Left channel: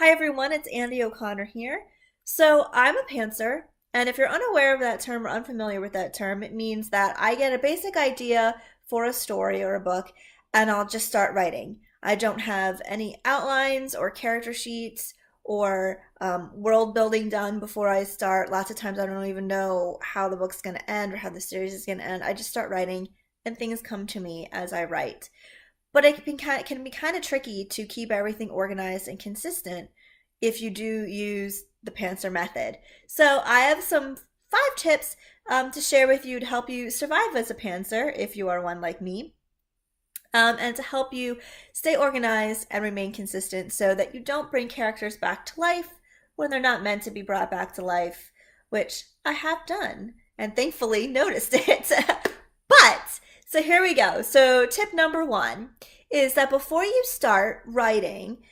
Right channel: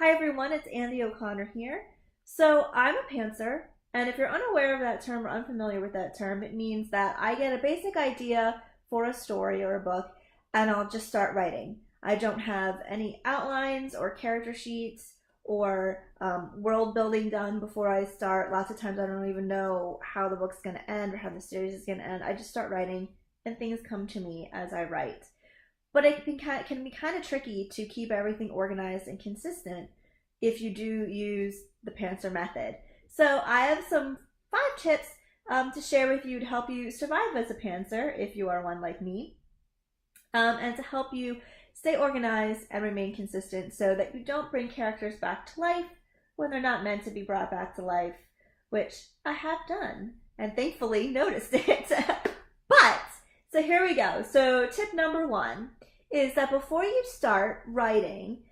Hi everyone, it's Andy O'Connor here. So I'm a pantser, and if you're unaware of that term or unfamiliar with that term, it means that I get a basic idea for a story or a book, and I'll just start writing. I don't have any outlines or character sheets or world building done before I start. Lots of times I don't even know how the book's going to end or how the series is going to end. I just start writing, and things come to me as I write. But can be kind of tricky to keep everything organized and consistent if you do use the Pantser method. So I have some 5 tips to share with you to help you survive as a pantser if you are one like me, and to help you stay organized and remain consistent so that you don't bring characters back to life when they're not meant to be brought back to life, which I have done and thankfully noticed it. But so here we go. So tip number 1 is that before you start writing,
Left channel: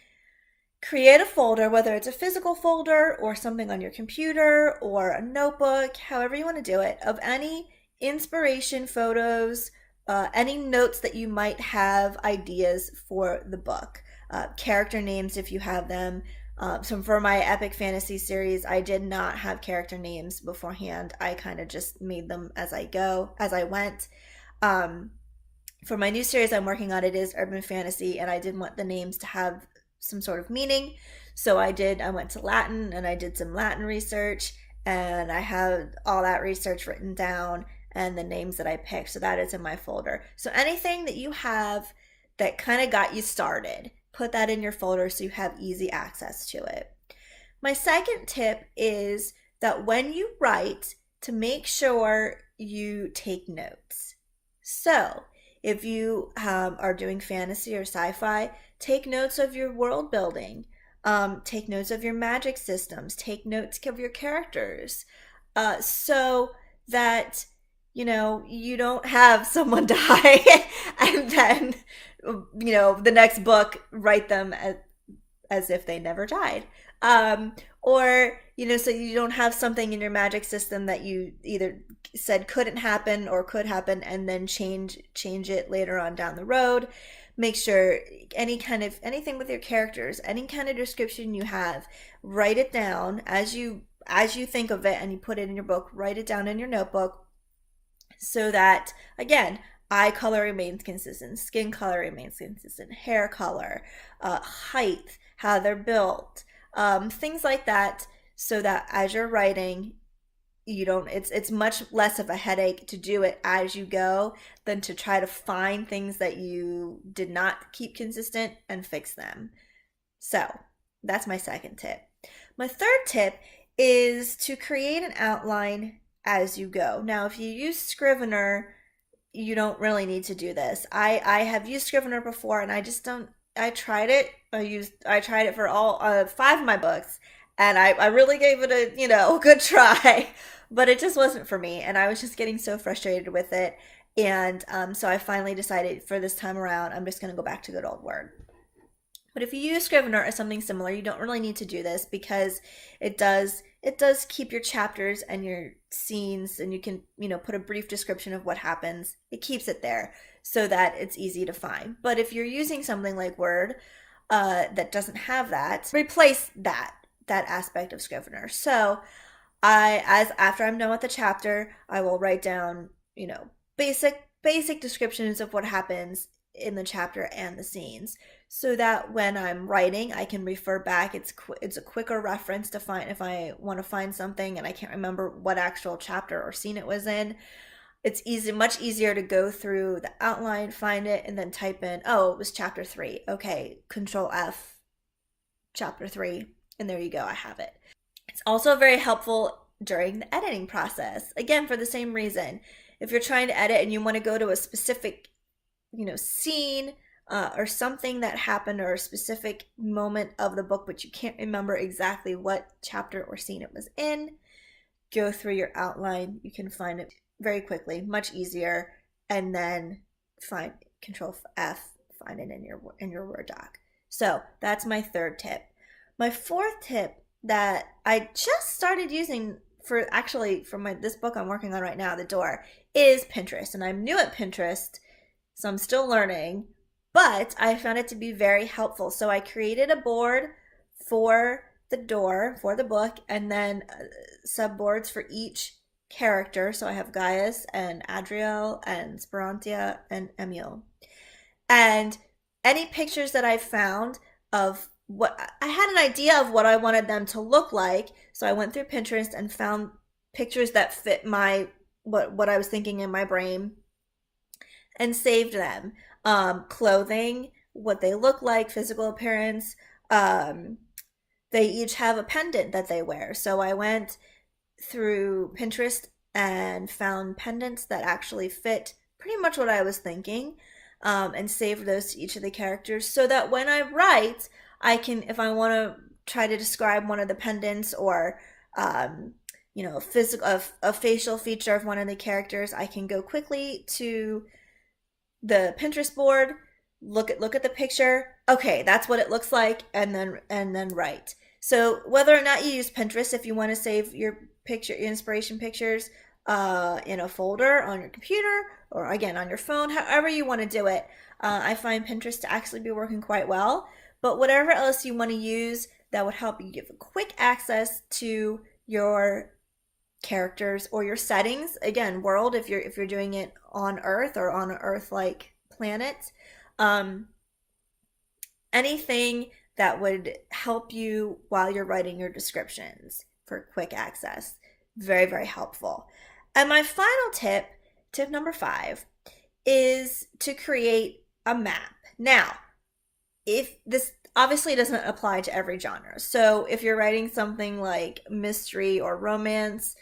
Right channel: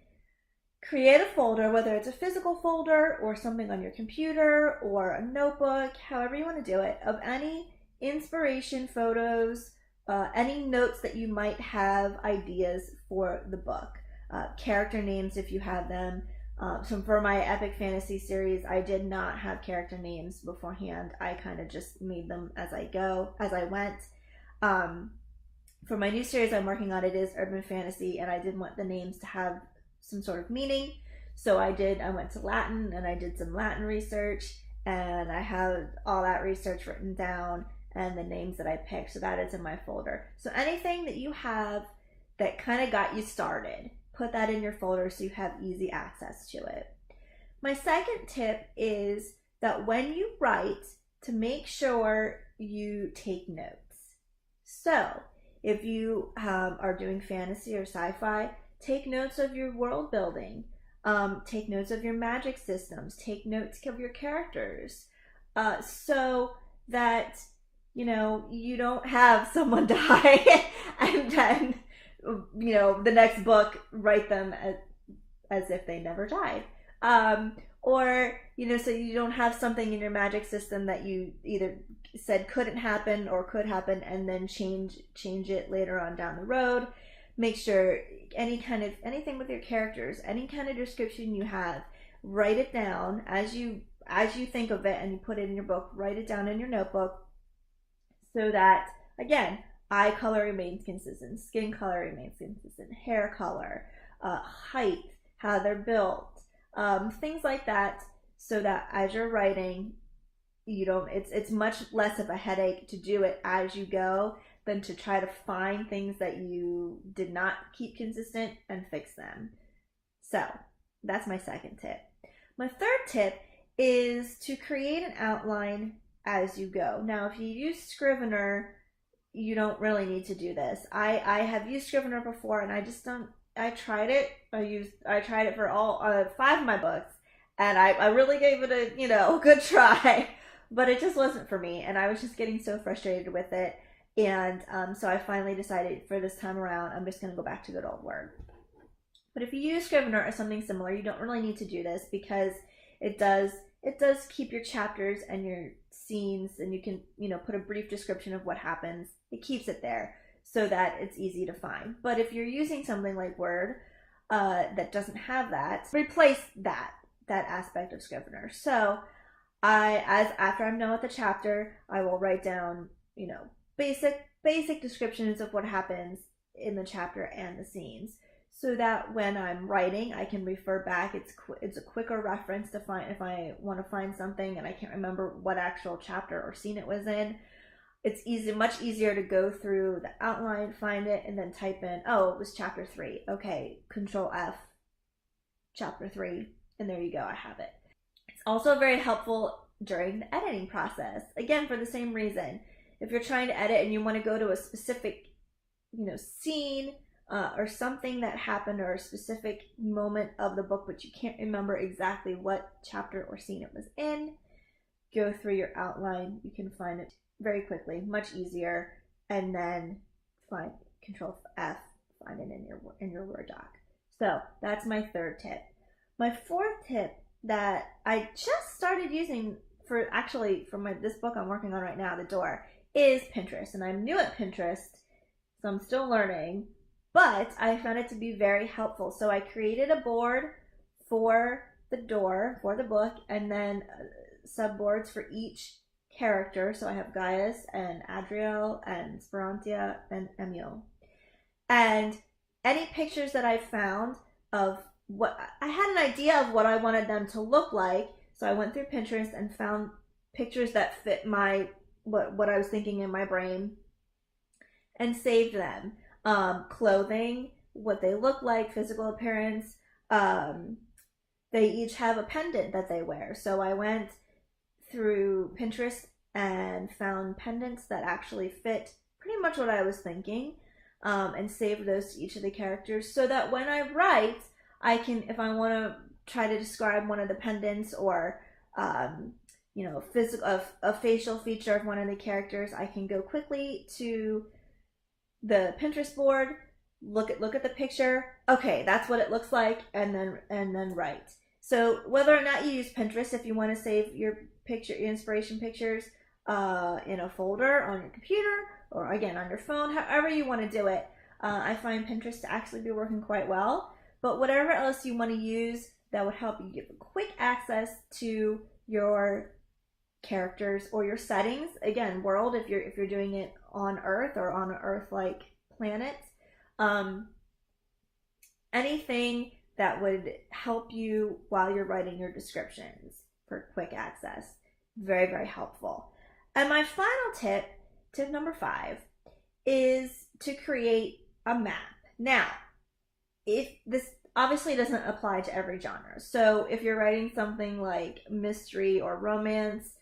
create a folder, whether it's a physical folder or something on your computer or a notebook, however you want to do it, of any inspiration photos, any notes that you might have, ideas for the book, character names if you have them. So for my epic fantasy series, I did not have character names beforehand. I kind of just made them as I went. Um, for my new series I'm working on, it is urban fantasy, and I didn't want the names to have some sort of meaning. So I went to Latin and I did some Latin research, and I had all that research written down and the names that I picked. So that is in my folder. So anything that you have that kind of got you started, put that in your folder so you have easy access to it. My second tip is that when you write, to make sure you take notes. So if you are doing fantasy or sci-fi, take notes of your world building. Take notes of your magic systems. Take notes of your characters, so that you don't have someone die and then the next book write them as if they never died. Or so you don't have something in your magic system that you either said couldn't happen or could happen and then change it later on down the road. Make sure anything with your characters, any kind of description you have, write it down as you think of it, and you put it in your book. Write it down in your notebook so that, again, eye color remains consistent, skin color remains consistent, hair color, height, how they're built, things like that, so that as you're writing, you don't it's much less of a headache to do it as you go than to try to find things that you did not keep consistent and fix them. So that's my second tip. My third tip is to create an outline as you go. Now, if you use Scrivener, you don't really need to do this. I have used Scrivener before, and I just don't. I tried it. I tried it for all 5 of my books, and I really gave it a good try, but it just wasn't for me, and I was just getting so frustrated with it, and so I finally decided for this time around I'm just going to go back to good old Word. But if you use Scrivener or something similar, you don't really need to do this because it does keep your chapters and your scenes, and you can put a brief description of what happens. It keeps it there so that it's easy to find. But if you're using something like Word that doesn't have that, replace that aspect of Scrivener. So after I'm done with the chapter, I will write down basic descriptions of what happens in the chapter and the scenes, so that when I'm writing, I can refer back. It's a quicker reference to find if I want to find something and I can't remember what actual chapter or scene it was in. It's much easier to go through the outline, find it, and then type in, oh, it was chapter 3. Okay, Control F, chapter 3, and there you go, I have it. It's also very helpful during the editing process. Again, for the same reason. If you're trying to edit and you want to go to a specific scene or something that happened, or a specific moment of the book, but you can't remember exactly what chapter or scene it was in, go through your outline. You can find it very quickly, much easier, and then find Control F, find it in your Word doc. So that's my third tip. My fourth tip that I just started using for this book I'm working on right now, The Door, is Pinterest. And I'm new at Pinterest, so I'm still learning, but I found it to be very helpful. So I created a board for the door, for the book, and then subboards for each character. So I have Gaius and Adriel and Sperantia and Emil. And any pictures that I found of what I had an idea of what I wanted them to look like. So I went through Pinterest and found pictures that fit my what I was thinking in my brain and saved them. Clothing, what they look like, physical appearance. They each have a pendant that they wear. So I went through Pinterest and found pendants that actually fit pretty much what I was thinking, and saved those to each of the characters so that when I write, I can, if I want to try to describe one of the pendants or, a facial feature of one of the characters, I can go quickly to the Pinterest board, look at the picture. Okay, that's what it looks like, and then write. So whether or not you use Pinterest, if you want to save your inspiration pictures in a folder on your computer or again on your phone, however you want to do it, I find Pinterest to actually be working quite well. But whatever else you want to use that would help you give quick access to your characters or your settings, again, world, if you're doing it on Earth or on an Earth-like planet, anything that would help you while you're writing your descriptions for quick access. Very, very helpful. And my final tip number 5, is to create a map. Now, if this obviously doesn't apply to every genre. So if you're writing something like mystery or romance,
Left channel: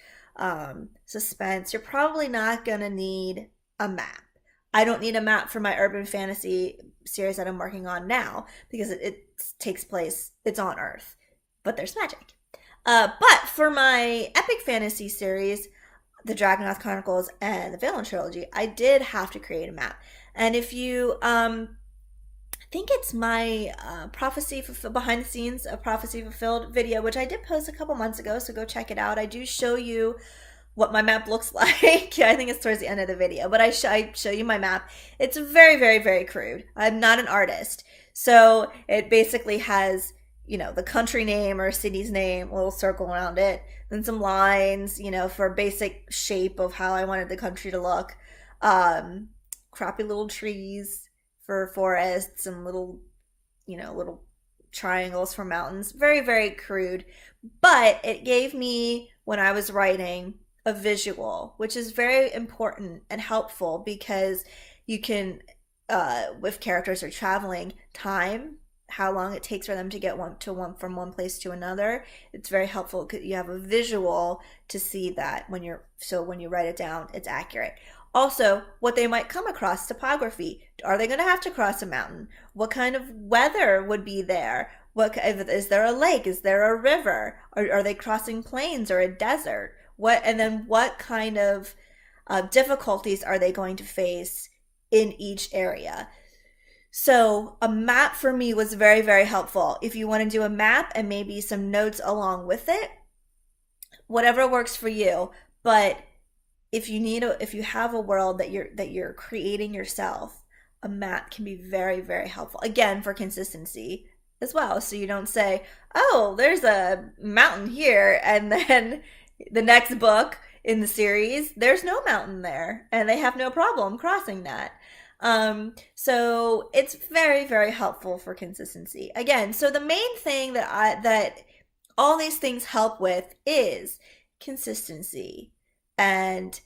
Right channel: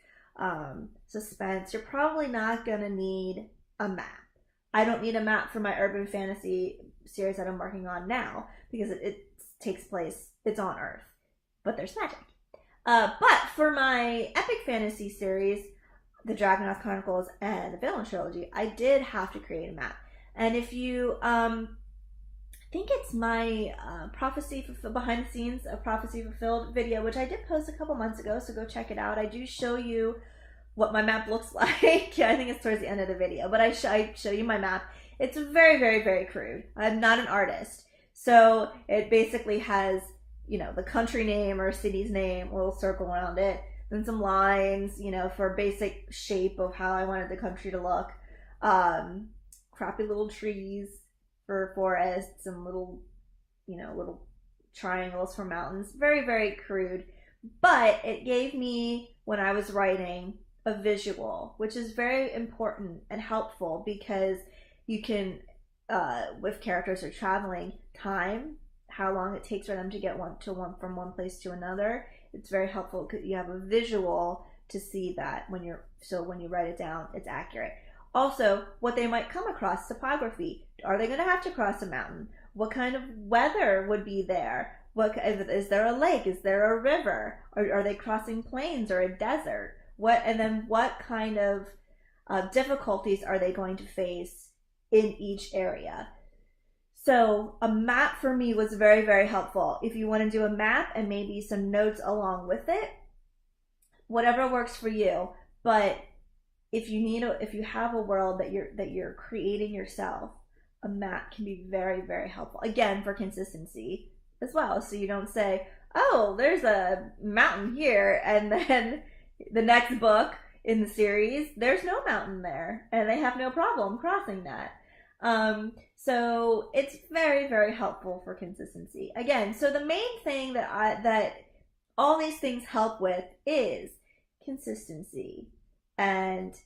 suspense, you're probably not going to need a map. I don't need a map for my urban fantasy series that I'm working on now because it takes place, it's on Earth, but there's magic. But for my epic fantasy series, the Dragonauth Chronicles and the Valen Trilogy, I did have to create a map. And if you, I think it's my behind the scenes of Prophecy Fulfilled video, which I did post a couple months ago, so go check it out. I do show you what my map looks like. I think it's towards the end of the video, but I show you my map. It's very, very, very crude. I'm not an artist. So it basically has, the country name or city's name, a little circle around it, then some lines, for basic shape of how I wanted the country to look. Crappy little trees for forests and little triangles for mountains. Very, very crude. But it gave me, when I was writing, a visual, which is very important and helpful because you can, if characters are traveling, time, how long it takes for them to get from one place to another. It's very helpful because you have a visual to see that when you write it down, it's accurate. Also, what they might come across, topography. Are they going to have to cross a mountain? What kind of weather would be there? Is there a lake? Is there a river? Are they crossing plains or a desert? What kind of difficulties are they going to face in each area? So a map for me was very, very helpful. If you want to do a map and maybe some notes along with it, whatever works for you. But if you have a world that you're creating yourself, a map can be very, very helpful. Again, for consistency as well. So you don't say, oh, there's a mountain here, and then the next book in the series, there's no mountain there, and they have no problem crossing that. So it's very, very helpful for consistency. Again, so the main thing that all these things help with is consistency and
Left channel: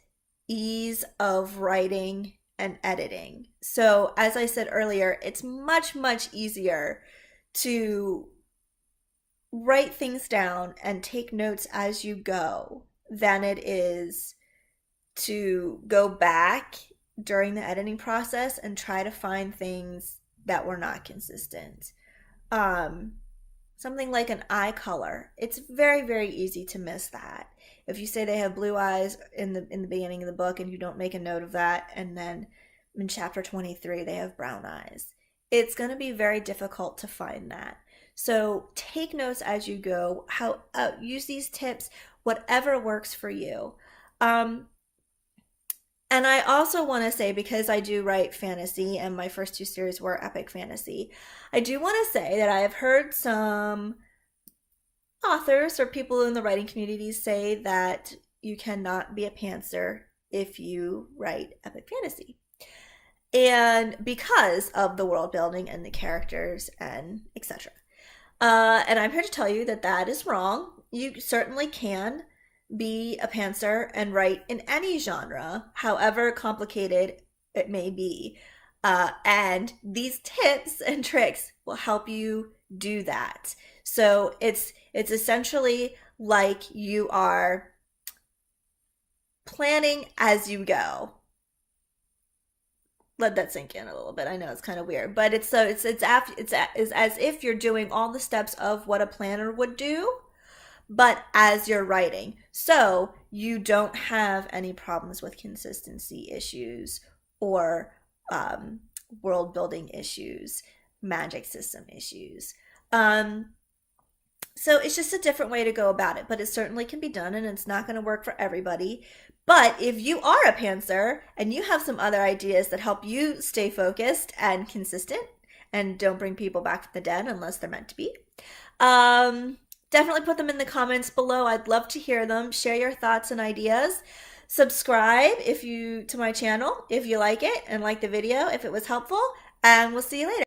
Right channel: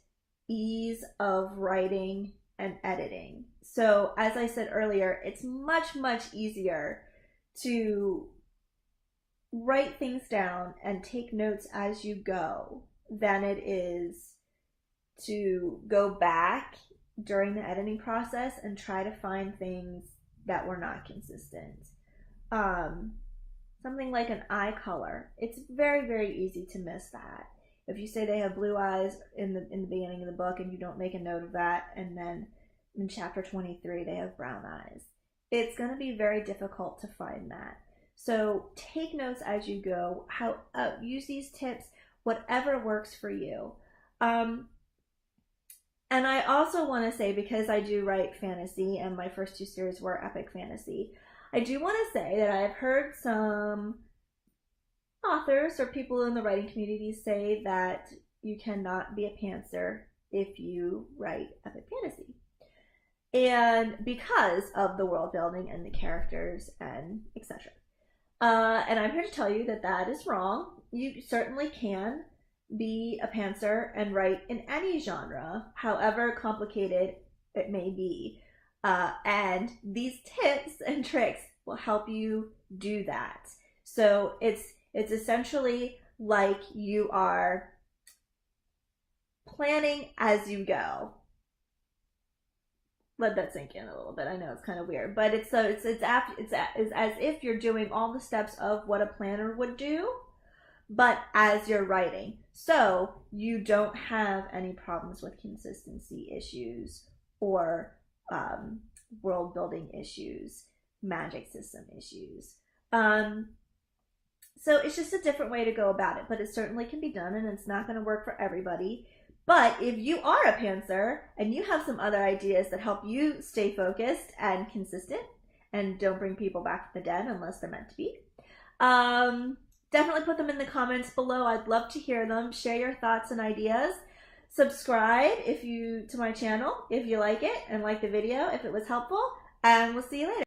ease of writing and editing. So as I said earlier, it's much, much easier to write things down and take notes as you go than it is to go back during the editing process and try to find things that were not consistent. Something like an eye color, it's very, very easy to miss that. If you say they have blue eyes in the beginning of the book and you don't make a note of that, and then in chapter 23 they have brown eyes, it's going to be very difficult to find that. So take notes as you go. Use these tips, whatever works for you. And I also want to say, because I do write fantasy and my first 2 series were epic fantasy, I do want to say that I have heard some authors or people in the writing community say that you cannot be a pantser if you write epic fantasy. And because of the world building and the characters and etc. And I'm here to tell you that that is wrong. You certainly can be a pantser and write in any genre, however complicated it may be. And these tips and tricks will help you do that. So it's essentially like you are planning as you go. Let that sink in a little bit. I know it's kind of weird, but it's as if you're doing all the steps of what a planner would do, but as you're writing. So you don't have any problems with consistency issues or world building issues, magic system issues. Um, so it's just a different way to go about it, but it certainly can be done and it's not going to work for everybody. But if you are a pantser and you have some other ideas that help you stay focused and consistent and don't bring people back from the dead unless they're meant to be, um, definitely put them in the comments below. I'd love to hear them. Share your thoughts and ideas. Subscribe if you to my channel if you like it and like the video if it was helpful, and we'll see you later.